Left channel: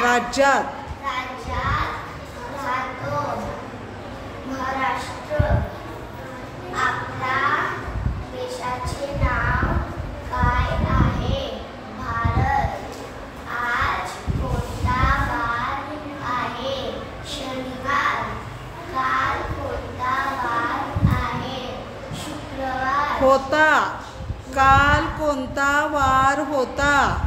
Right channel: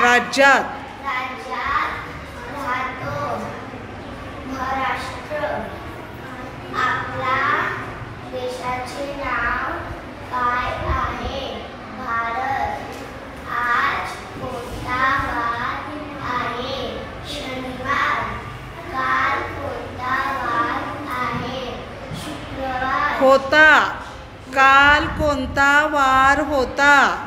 राज्यात राहतो. महाराष्ट्र. आपल्या देशाचे नाव काय आहे? भारत. आज कोणता वार आहे? शनिवार. काल कोणता वार आहे? शुक्रवार. होता. काल कोणता वार होता?